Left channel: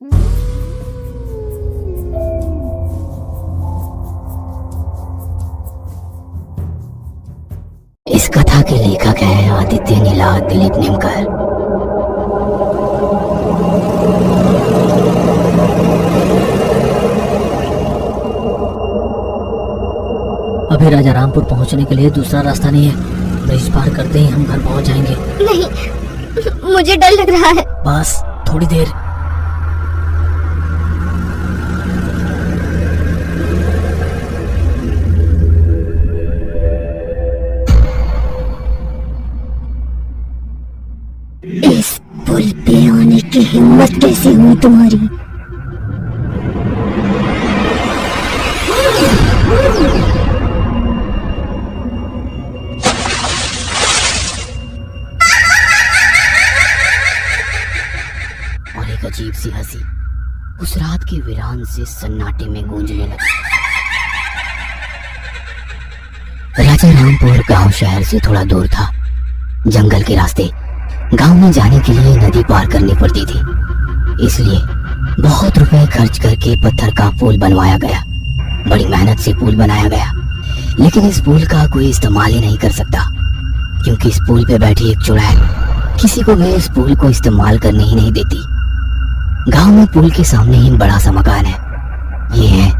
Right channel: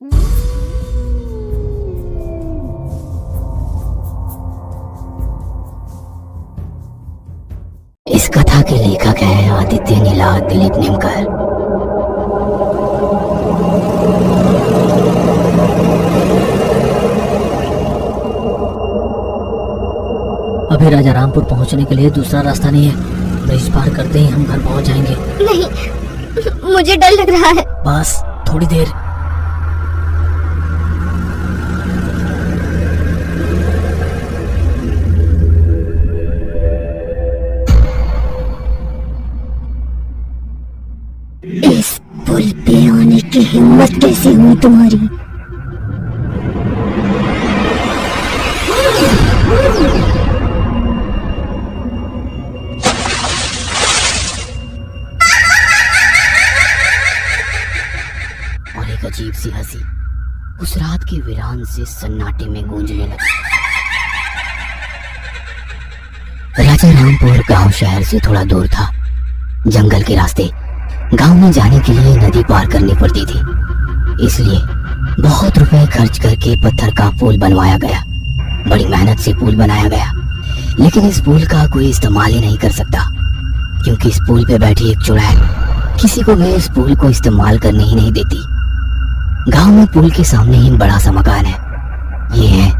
इस कथा के लेखक हैं आदित्य नीलाद दिलीप निमकर। अभी राजारामपुर पहुंचने के लिए दूसरा रास्ता नहीं है। ब्रिज पार करते ही हम घर पहुंच जाएंगे। नहीं, मुझे डर लग रहा है। बस थोड़ी देर। इस पुल पे आने की हिम्मत कैसे हुई तुम्हारी? और एक अजीब सी हंसी उस रात के वीरान से सन्नाटे में गूंजने लगी। राजारामपुर गांव शहर से थोड़ा दूर था। जंगल के रास्ते गांव में जाने के लिए नदी पार करनी पड़ती थी, इसलिए बहुत रुपए खर्च करके पत्थर का पुल बनवाया गया। बड़ी मेहनत से पुल बनाया गया, लेकिन इस पुल का कोई इस्तेमाल ही नहीं कर सकता, क्योंकि इस पुल पे बैठी एक चुड़ैल किसी को भी इस पुल को इस्तेमाल करने ही नहीं देती। गांव में पुल के सामने ही बड़ा सा मकान है। ये है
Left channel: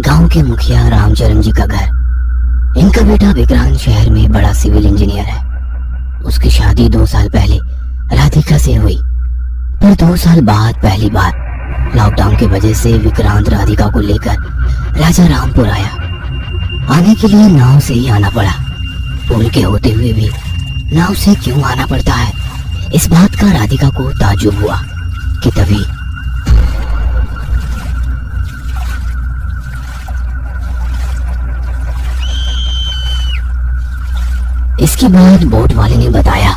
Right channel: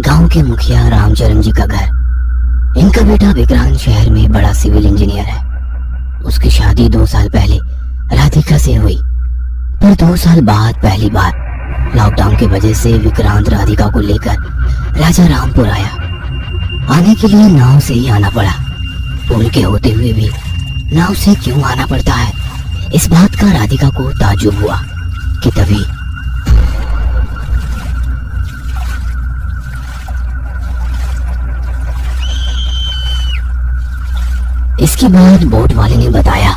गांव के मुखिया रामचरण जी का घर। इनका बेटा विक्रांत शहर में बड़ा सिविल इंजीनियर है। उसकी शादी 2 साल पहले राधिका से हुई, पर 2 साल बाद पहली बार लॉकडाउन की वजह से विक्रांत राधिका को लेकर राजारामपुर आया। आने के लिए नाव से ही आना पड़ा। पुल के होते हुए भी नाव से क्यों आना पड़ता है, इस बात का राधिका को ताज्जुब हुआ कि तभी इसके बाद बोट वाले ने बताया,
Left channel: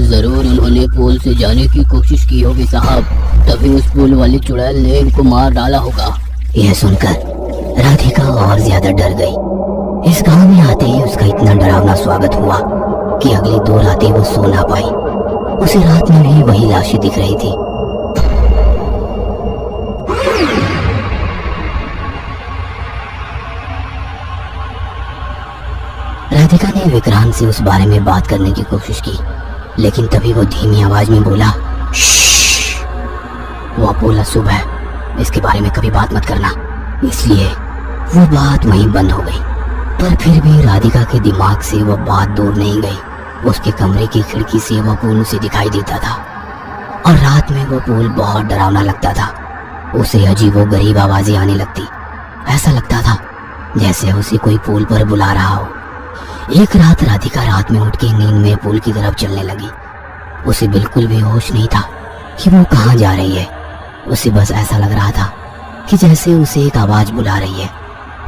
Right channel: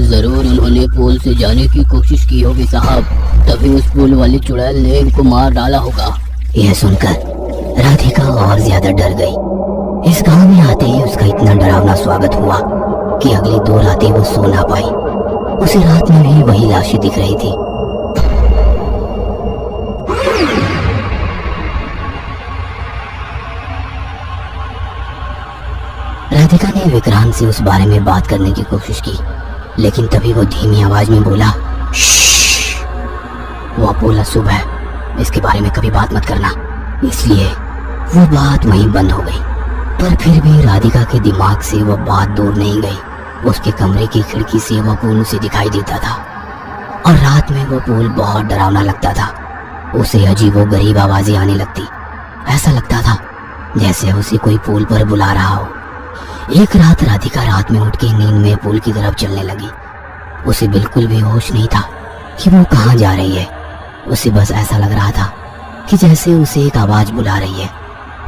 जरूर उन्होंने पुल से जाने की कोशिश की होगी साहब, तभी उस पुल वाली चुड़ैल ने इनको मार डाला होगा। यह सुनकर राधिका और ज्यादा डर गई। इस गांव में आते ही उसका इतना डरावना स्वागत हुआ कि अगली 2 रातें वो सो ना पाई। उसी रात में भी वही लाशें दिख रही थी। राधिका ने विक्रांत से उस बारे में बात करने की कोशिश की, लेकिन तभी वो धीमी आवाज में बोला, वो पुल अशुभ है, इसके बारे में कभी बात मत करना। इसलिए वो बात वहीं बंद हो गई। पर फिर भी राधिका के दिमाग से वो बात दूर नहीं गई। उसके कमरे की खिड़की से वो पुल उसे दिखाई देता था, और रात में वो पुल बहुत डरावना लगता था। उसे अजीबोगरीब आवाजें आने लगती। ऐसा लगता था जैसे उसे कोई पुल पर बुला रहा हो। एक रात राधिका रात में उठ के नींद में पुल की तरफ चलने लगी। उसे बिल्कुल भी होश नहीं था कि वो कहाँ जा रही है। उसे बस ऐसा लग रहा था कि जैसे उसे एक आवाज बुला रही है।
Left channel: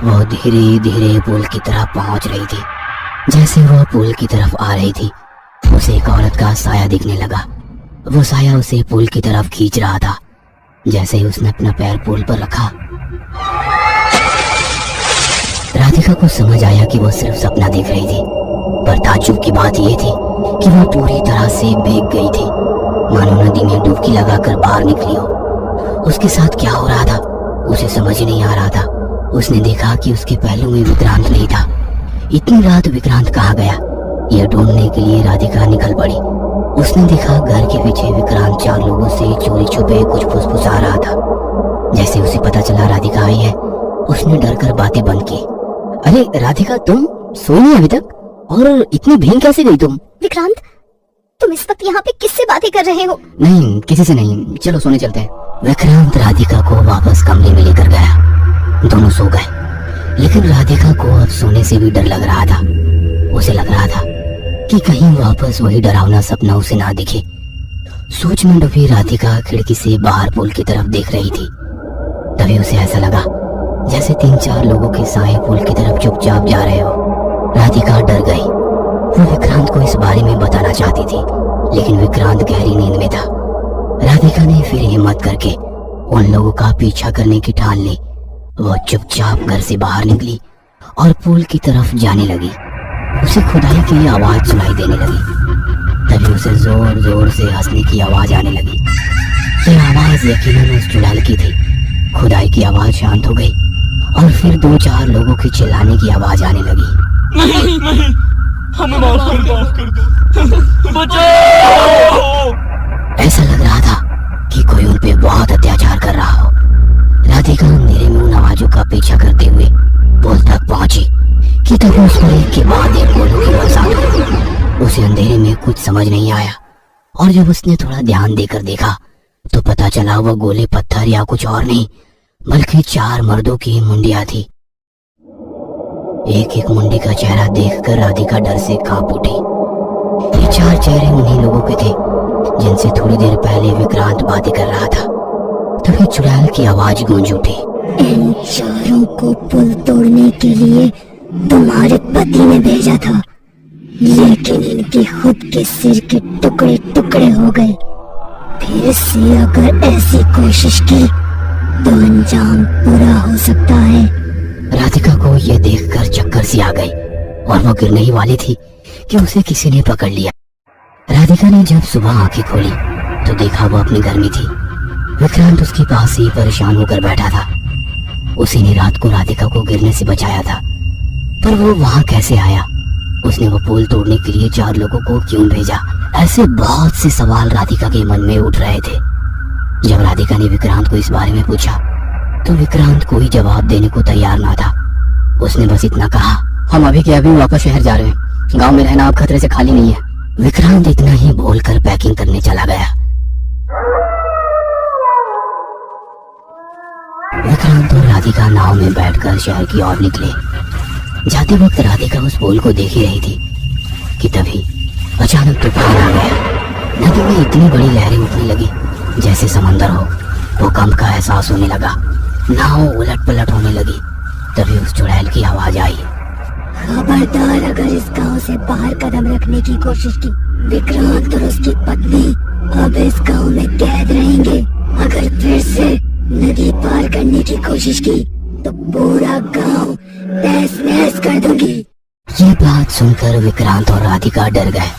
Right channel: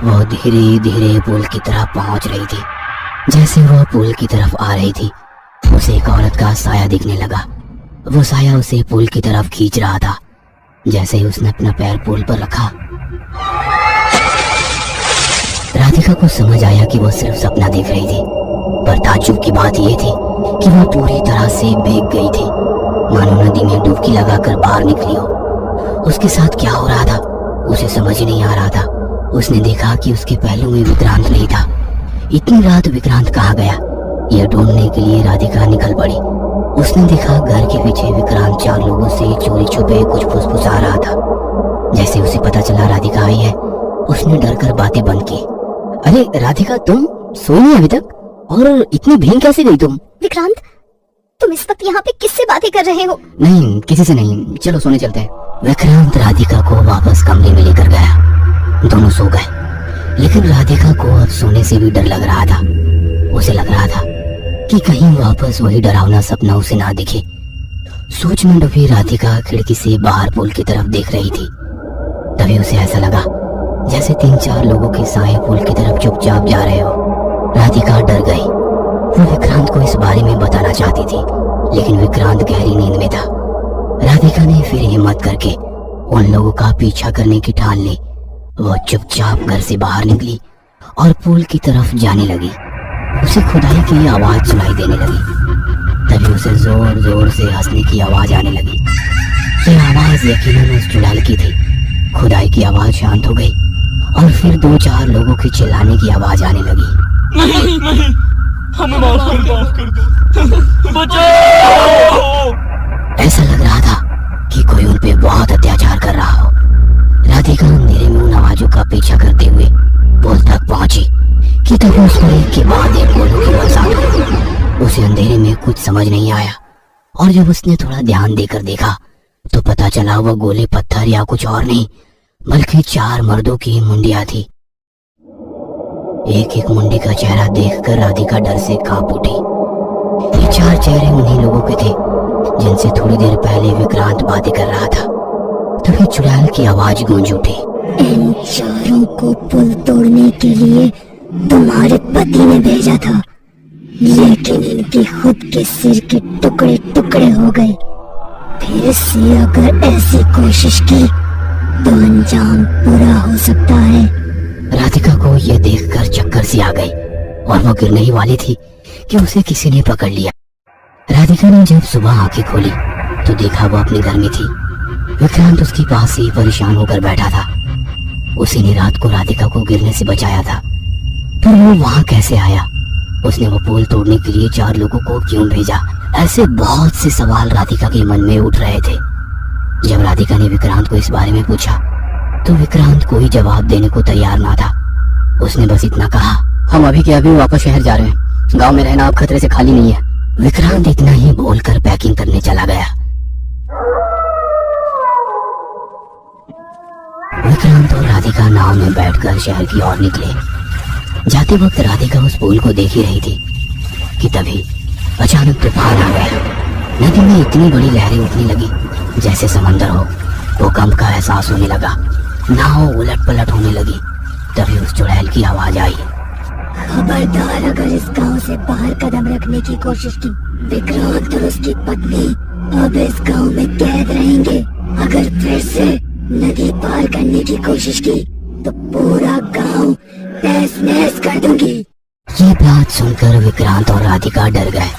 वो धीरे धीरे पुल की तरफ पहुंच रही थी। जैसे वो पुल की तरफ आ रही थी, उसे एक औरत का साया दिखने लगा। वो साया उसे पुल की तरफ खींच रहा था। जैसे ही उसने अपना पैर पुल पर रखा, राधिका को समझ आया कि वो सिर्फ सपना देख रही थी। पर ताज्जुब की बात यह थी कि वो पूरी तरह से भीग गई थी, मानो नदी में डुबकी लगाकर बाहर निकली हो। उसके साथ क्या हो रहा था उसे समझ ही नहीं आ रहा था। उसने देखा कि उसके पहलू में विक्रांत नहीं था। इतनी रात विक्रांत कहाँ गया, यह ढूंढने के लिए राधिका निकल पड़ी। उसने देखा घर के पीछे विक्रांत 4 लोगों से चोरी छुपे कुछ फुसफुसा रहा था। जैसे उसे पता चला राधिका आई है, उसने डरकर बातें बंद की। अरे राधिका, तुम सोई नहीं अभी तक, और इतनी भीग कैसे गई तुम? विक्रांत, तुम इस वक्त यहाँ पे किससे बातें कर रहे हो? नहीं, किसी से नहीं, चलो सोने चलते हैं। विक्रांत राधिका को वापस कमरे में लेकर गया। दोनों सो गए, लेकिन राधिका को अब सोने से भी डर लग रहा था। उसे लग रहा था कि कहीं वापस वही डरावना सपना उसे ना दिखे। सोच में डूबी राधिका खिड़की से बाहर पुल की तरफ देख रही थी। तभी उसे ऐसा लगा जैसे 3-4 लोगों के साए पुल की तरफ चुपचाप जा रहे हो। राधिका डर गई। वो विक्रांत को इस बारे में बताना चाहती थी, लेकिन विक्रांत गहरी नींद में था। राधिका ने फिर हिम्मत करके उन लोगों का पीछा करने की ठान ली। वो चुपचाप घर से बाहर निकली और पुल की तरफ जाने लगी। उसे खुदाई की आवाज सुनाई देने लगी। तभी उसे जोर जोर से हंसने की आवाज आने लगी। ये आवाज यकीनन उस चुड़ैल की थी। खुदाई की आवाज शांत हो गई और फिर 2-4 लोगों की चिल्लाने की आवाज आने लगी। नहीं नहीं, हमें माफ कर दो, बचाओ। ऐसा लग रहा था कि कोई उन पे बहुत अत्याचार कर रहा हो। राधिका अंधेरे में उन आवाजों का पीछा करते हुए पुल तक पहुंची कि तभी उस पर एक के बाद एक गोलों की बरसात हुई। उसे अंधेरे में कुछ समझ नहीं आया और जब उसने थोड़ा ध्यान देकर देखा तो पता चला वह गोले पत्थर या कुछ और नहीं बल्कि 4 मर्दों की मुंडियां थी। एक एक मुंडी का चेहरा देखकर राधिका डर से कांप उठी। ये 4 चेहरे उन्हीं लोगों के थे जिनसे थोड़ी देर पहले विक्रांत बातें कर रहा था। तभी चुड़ैल की आवाज गूंज उठी। इन चारों को पुल तोड़ने के लिए तुम्हारे पति ने भेजा था, लेकिन इनके खुद के सिर के टुकड़े टुकड़े हो गए। फिर से अगर ऐसी कोशिश की तो अंजाम बुरा हो सकता है। राधिका को यह देखकर चक्कर सी आ गई और वो गिरने ही वाली थी कि उसे किसी ने पकड़ लिया। राधिका ने जब सुबह आंखें खोली तो देखा वो अपने घर में थी। विक्रांत उसके पास ही परेशान होकर बैठा था। उसी ने रात को राधिका को गिरने से बचाया था, पर वो वहां कैसे आया? उसने वो पुल तोड़ने के लिए 4 लोगों को क्यों भेजा? ऐसे बहुत से सवाल राधिका के मन में उठ रहे थे। जब राधिका ने विक्रांत को इस बारे में पूछा तो विक्रांत कोई जवाब देने को तैयार ना था। उसने बस इतना कहा, हम अभी के अभी वापस शहर जा रहे हैं, गांव में रहना अब खतरे से खाली नहीं है। विक्रांत इतना ही बोलकर पैकिंग करने चला गया। विक्रांत और राधिका नाव में बैठकर शहर की ओर निकले। जाते वक्त राधिका उस पुल को देख ही रही थी कि तभी अचानक तूफान आ गया। नदी में इतनी बड़ी लहरें उठने लगी जैसे समंदर हो। भूकंप का एहसास होने लगा, नाव उलट पलट होने लगी। तभी उस चुड़ैल की आवाज आई, खबरदार अगर इस गांव से बाहर कदम रखने की कोशिश की, विक्रांत और उसकी पत्नी अब इस गांव में कैद रहेंगे। अगर फिर से नदी पार करने की कोशिश की तो पूरा गांव तहस नहस कर दूंगी। ये बात सुनकर विक्रांत और राधिका डर गए।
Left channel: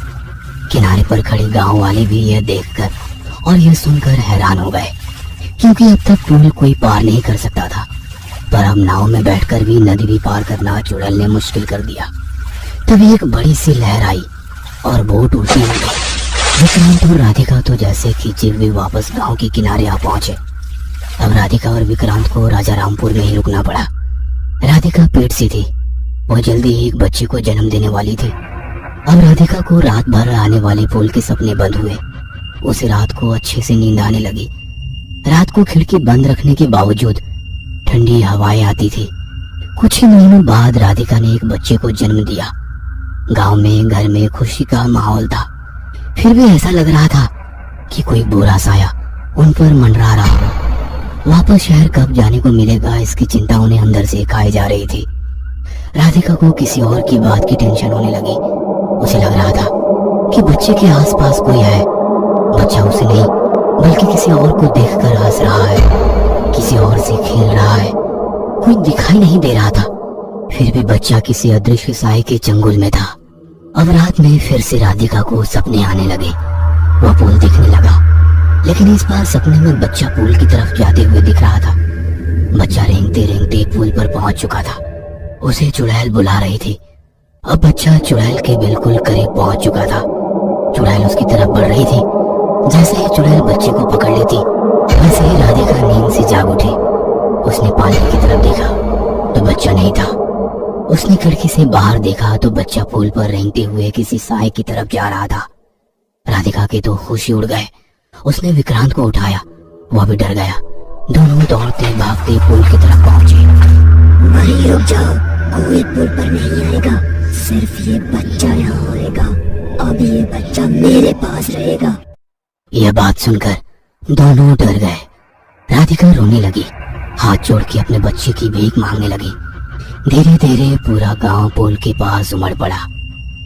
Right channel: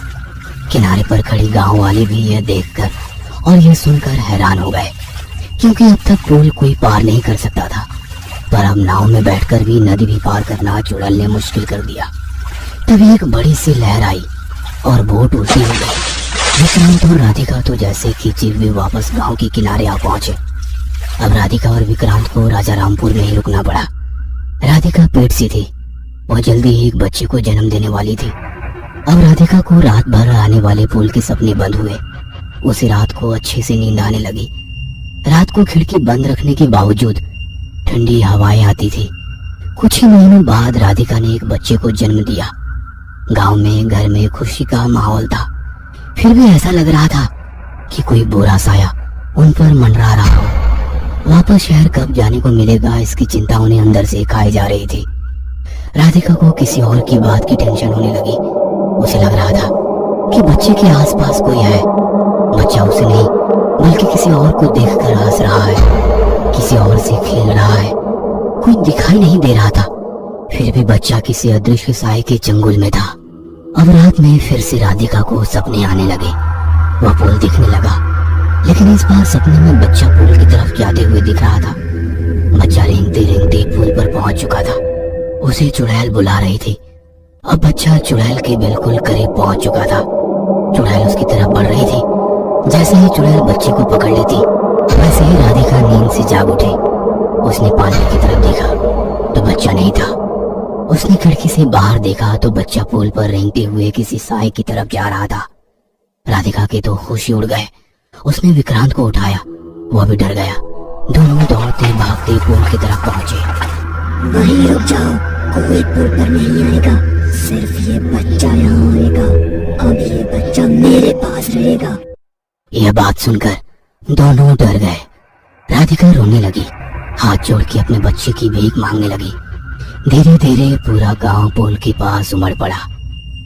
किनारे पर खड़ी गांव वाले भी यह देखकर और यह सुनकर हैरान हो गए, क्योंकि अब तक पुल कोई पार नहीं कर सकता था, पर अब नाव में बैठकर भी नदी भी पार करना चुड़ैल ने मुश्किल कर दिया। तभी एक बड़ी सी लहर आई और बोट उल्टी हो गई। विक्रांत और राधिका तो जैसे खींचे हुए वापस गांव के किनारे आ पहुंचे। अब राधिका और विक्रांत को राजा रामपुर में ही रुकना पड़ा। राधिका पेट सी थी, वह जल्दी ही एक बच्चे को जन्म देने वाली थी। अब राधिका को रात भर आने वाले फूल के सपने बंद हुए। उसे रात को अच्छे से नींद आने लगी। रात को खिड़की बंद रखने के बावजूद ठंडी हवाएं आती थी। कुछ ही महीनों बाद राधिका ने एक बच्चे को जन्म दिया। गांव में घर में खुशी का माहौल था, फिर भी ऐसा लग रहा था कि कोई बुरा साया उन पर मंडरा रहा हो। वापस शहर कब जाने को मिलेगा, इसकी चिंता उन्हें अंदर से खाई जा रही थी। राधिका को किसी और की बात की टेंशन होने लगी। उसे लग रहा था कि बच्चे के आसपास कोई है। बच्चा उसे नहीं बल्कि किसी और को देखकर हंस रहा है, किसी और से खेल रहा है। कोई दिखाई नहीं दे रहा था, फिर भी बच्चा किसी अदृश्य साए के चंगुल में था। अब रात में फिर से राधिका को सपने आने लगे। वह पुल दिखने लगा, लेकिन इस बार सपने में बच्चा पुल की तरफ जाते हुए दिख रहा था। बच्चा रेंगते रेंगते पुल पर पहुंच चुका था। उसे चुड़ैल बुला रही थी। अब बच्चा चुड़ैल के बिल्कुल करीब पहुंच चुका था। चुड़ैल उसकी तरफ बढ़ रही थी। जैसे ही चुड़ैल बच्चे को पकड़ लेती, वैसे ही राधिका नींद से जाग उठी। उसने पानी की तरफ देखा तो बच्चा नहीं था। उसने खिड़की से बाहर देखा तो बच्चा पुल पर रेंगते हुए किसी साए की तरफ जा रहा था। राधिका के तो होश ही उड़ गए। उसने विक्रांत को उठाया, वह भी डर गया। दोनों दौड़ते भागते पुल की तरफ पहुंचे। वहीं रुक जाओ, कोई पुल पर नहीं आएगा, सिर्फ ये बच्चा यहाँ आएगा। अब ये बच्चा मेरे पास रहेगा। यह बात सुनकर दोनों डर गए। राधिका रोने लगी, हाथ जोड़ के अपने बच्चे की भीख मांगने लगी। धीरे धीरे पूरा गांव पुल के पास उमड़ पड़ा।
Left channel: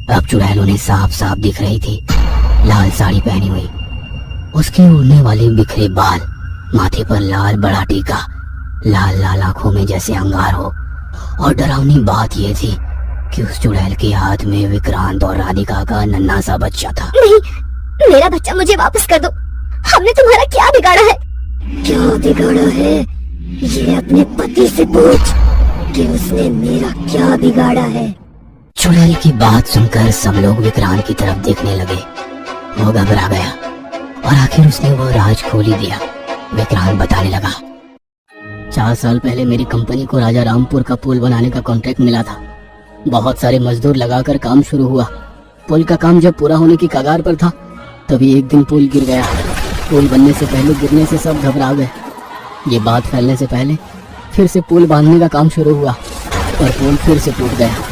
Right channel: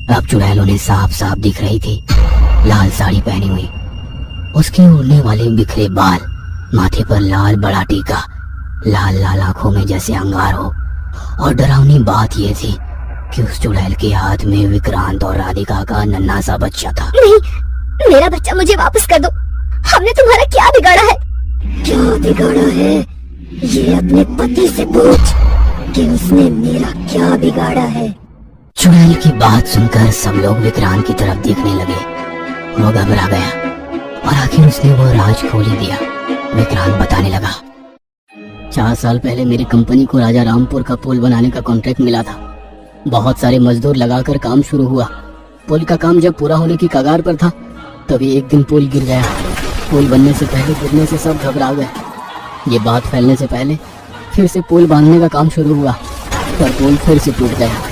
अब चुड़ैल उन्हें साफ साफ दिख रही थी। लाल साड़ी पहनी हुई, उसके उड़ने वाले बिखरे बाल, माथे पर लाल बड़ा टीका, लाल लाल आंखों में जैसे अंगार हो। और डरावनी बात यह थी कि उस चुड़ैल के हाथ में विक्रांत और राधिका का नन्हा सा बच्चा था। नहीं, मेरा बच्चा मुझे वापस कर दो। हमने तुम्हारा क्या बिगाड़ा है? क्या बिगाड़ा है ये अपने पति से पूछ कि उसने मेरा क्या बिगाड़ा है। चुड़ैल की बात सुनकर सब लोग विक्रांत की तरफ देखने लगे। वो घबरा गया और आखिर उसने वो राज खोल ही दिया। विक्रांत बताने लगा, 4 साल पहले मेरी कंपनी को राजा रामपुर का पुल बनाने का कॉन्ट्रैक्ट मिला था। बहुत सारे मजदूर लगाकर काम शुरू हुआ। पुल का काम जब पूरा होने की कगार पर था तभी एक दिन पुल गिर गया। पुल बनने से पहले गिरने से सब घबरा गए। ये बात फैलने से पहले फिर से पुल बांधने का काम शुरू हुआ पर पुल फिर से टूट गया।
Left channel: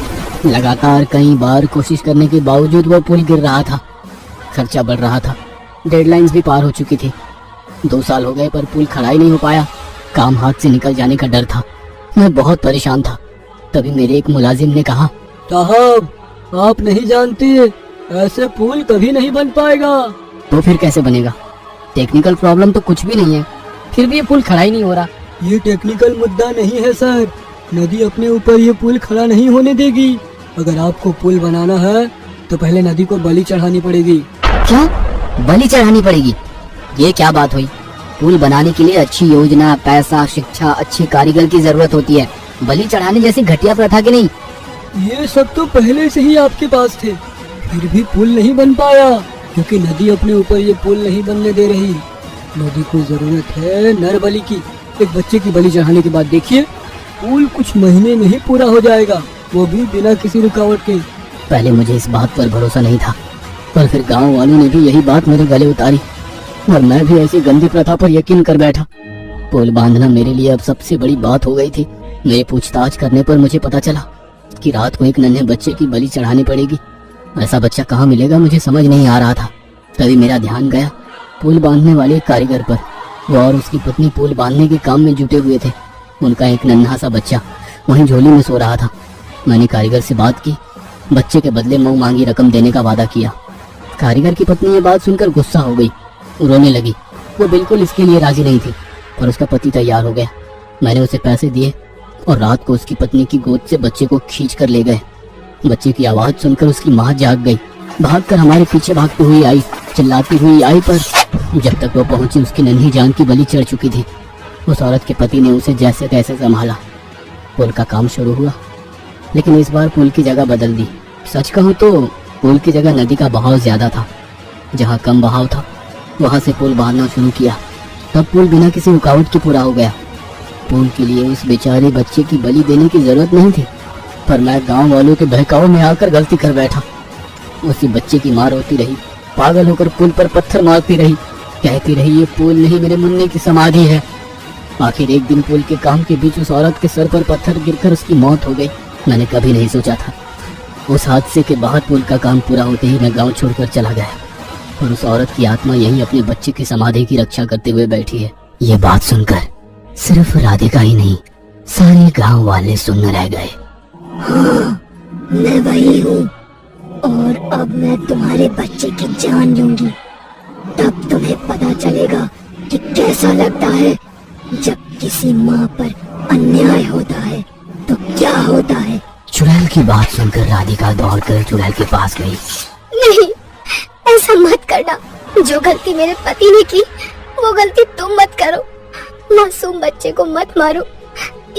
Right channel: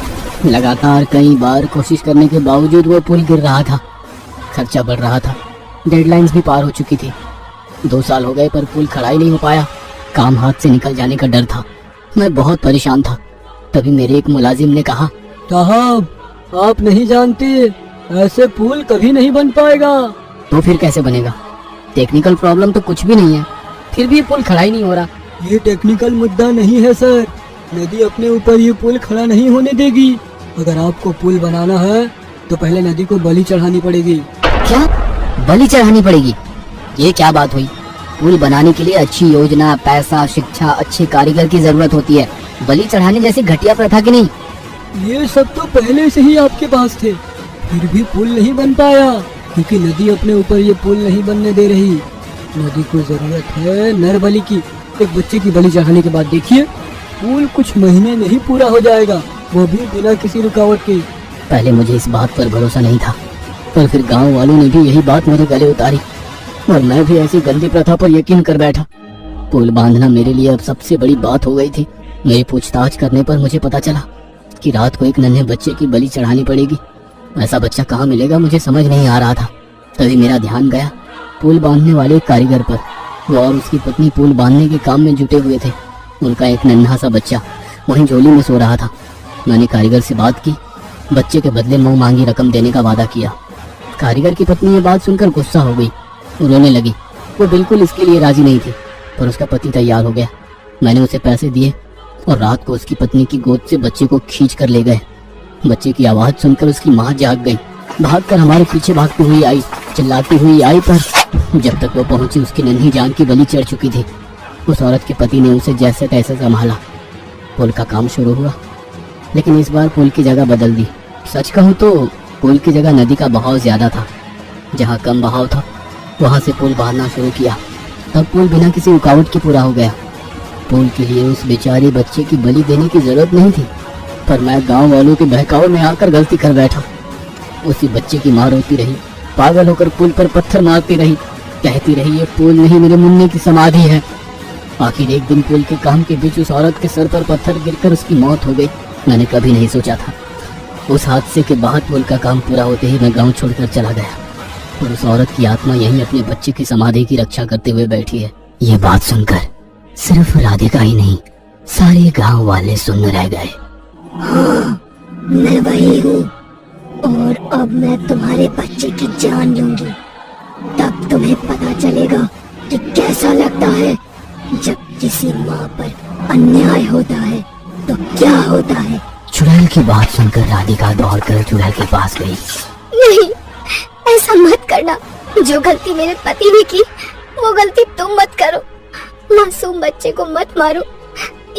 लगातार कई बार कोशिश करने के बावजूद वह पुल गिर रहा था। खर्चा बढ़ रहा था, डेडलाइंस भी पार हो चुकी थी। 2 साल हो गए पर पुल खड़ा ही नहीं हो पाया। काम हाथ से निकल जाने का डर था। मैं बहुत परेशान था। तभी मेरे एक मुलाजिम ने कहा, साहब आप नहीं जानती, ऐसे पुल कभी नहीं बन पाएगा। तो फिर कैसे बनेगा? टेक्निकल प्रॉब्लम तो कुछ भी नहीं है, फिर भी पुल खड़ा ही नहीं हो रहा। ये टेक्निकल मुद्दा नहीं है सर, नदी अपने ऊपर ये पुल खड़ा नहीं होने देगी। अगर आपको पुल बनाना है तो पहले नदी को बलि चढ़ानी पड़ेगी। क्या बलि चढ़ानी पड़ेगी? ये क्या बात हुई? पुल बनाने के लिए अच्छी योजना, पैसा, शिक्षा, अच्छे कारीगर की जरूरत होती है। बलि चढ़ाने जैसी घटिया प्रथा की नहीं। ये सब तो पहले से ही आपके पास थे, फिर भी पुल नहीं बन पाया क्योंकि नदी अपने ऊपर ये पुल नहीं बनने दे रही। नदी को जरूरत है नर बलि की। एक बच्चे की बलि चढ़ाने के बाद देखिए पुल कुछ महीने में ही पूरा हो जाएगा, वो भी बिना किसी रुकावट के। पहले मुझे इस बात पर भरोसा नहीं था, पर फिर गांव वालों ने भी यही बात मेरे गले उतारी और मैं भी ऐसी गंदी प्रथा पर यकीन कर बैठा। पुल बांधना मेरे लिए अब सबसे बड़ी बात हो गई थी। मेरी पूछताछ करने पर मुझे पता चला कि रात को एक नन्हे बच्चे की बलि चढ़ानी पड़ेगी। ऐसा बच्चा कहाँ मिलेगा मुझे समझ नहीं आ रहा था। तभी मेरा ध्यान गया पुल बांधने वाले कारीगर पर। वो और उसकी पत्नी पुल बांधने के काम में जुटे हुए थे। उनका एक नन्हा सा बच्चा वहीं झोली में सो रहा था। मैंने कारीगर से बात की, बच्चे के बदले मुंह मांगी रकम देने का वादा किया। कारीगर की पत्नी ये बात सुनकर गुस्सा हो गई, रोने लगी। वो बिल्कुल इसके लिए राजी नहीं थी, पर उसका पति तैयार हो गया। मैंने उसे पैसे दिए और रात को उसकी पत्नी की गोद से बच्चे को खींच कर ले गए। बच्चे की आवाज सुनकर उसकी माँ जाग गई, भागकर हमारे पीछे भागती हुई आई, चिल्लाती हुई आई, पर जब तक वो पहुंची उसकी नन्ही जान की बलि चढ़ चुकी थी। उस औरत के पति ने उसे जैसे तैसे संभाला। पुल का काम शुरू हुआ, लेकिन इस बार पुल की जगह बदल दी। सच कहूँ तो पुल की जगह नदी का बहाव ज्यादा था। जहाँ कम बहाव था वहां से पुल बहाना शुरू किया। अब पुल बिना किसी रुकावट के पूरा हो गया। पुल के लिए उस बेचारे बच्चे की बलि देने की जरूरत नहीं थी, पर मैं गांव वालों के बहकावे में आकर गलती कर बैठा। उसी बच्चे की माँ रोती रही, पागल होकर पुल पर पत्थर मारती रही, कहती रही ये पुल नहीं मेरे मुन्ने की समाधि है। आखिर एक दिन पुल के काम के बीच उस औरत के सर पर पत्थर गिरकर उसकी मौत हो गई। मैंने कभी नहीं सोचा था। उस हादसे के बाद पुल का काम पूरा होते ही मैं गांव छोड़कर चला गया और उस औरत की आत्मा यहीं अपने बच्चे की समाधि की रक्षा करते हुए बैठी है। ये बात सुनकर सिर्फ राधिका ही नहीं, सारे गांव वाले सुन रह गए। हाँ, मैं वही हूँ और अब मैं तुम्हारे बच्चे की जान लूंगी। तब तुम्हें पता चलेगा कि कैसा लगता है जब किसी माँ पर अन्याय होता है तो क्या होता है। चुड़ैल की बात सुनकर राधिका दौड़कर चुड़ैल के पास गई। नहीं, ऐसा मत करना। जो गलती मेरे पति ने की वो गलती तुम मत करो। मासूम बच्चे को मत मारो।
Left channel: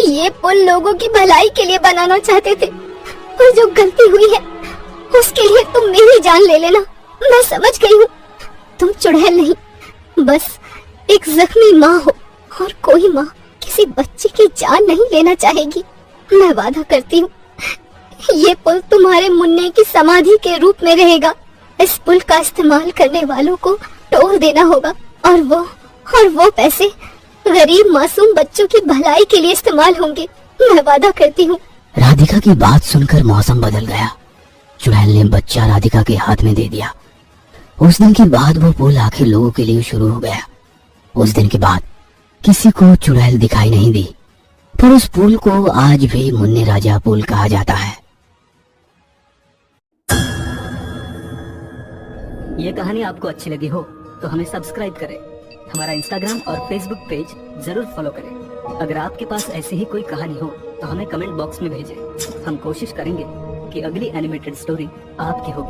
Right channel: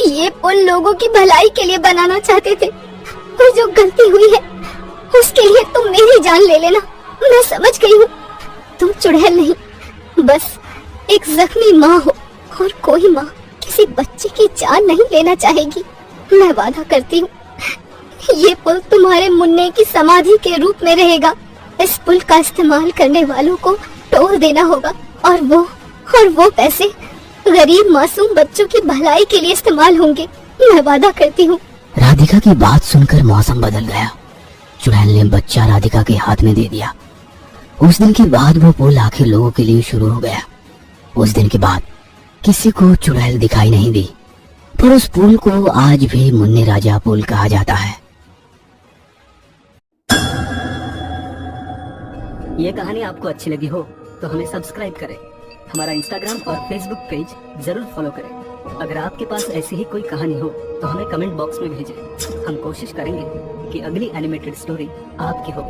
ये पुल लोगों की भलाई के लिए बनाना चाहते थे और जो गलती हुई है उसके लिए तुम मेरी जान ले लेना। मैं समझ गई हूँ तुम चुड़ैल नहीं, बस एक जख्मी माँ हो और कोई माँ किसी बच्चे की जान नहीं लेना चाहेगी। मैं वादा करती हूँ ये पुल तुम्हारे मुन्ने की समाधि के रूप में रहेगा। इस पुल का इस्तेमाल करने वालों को टोल देना होगा और वो पैसे गरीब मासूम बच्चों की भलाई के लिए इस्तेमाल होंगे। मैं वादा करती हूँ। राधिका की बात सुनकर मौसम बदल गया। चुड़ैल ने बच्चा राधिका के हाथ में दे दिया। उस दिन के बाद वो पुल आखिर लोगों के लिए शुरू हो गया। उस दिन के बाद किसी को चुड़ैल दिखाई नहीं दी, पर उस पुल को आज भी मुन्ने राजा पुल कहा जाता है। ये कहानी आपको अच्छी लगी हो तो हमें सब्सक्राइब करें, हमारा इंस्टाग्राम और फेसबुक पेज जरूर फॉलो करें। अगर आपके पास ऐसी ही कोई कहानी हो तो हमें कमेंट बॉक्स में भेजें। हम कोशिश करेंगे कि अगली एनिमेटेड स्टोरी आपकी हो।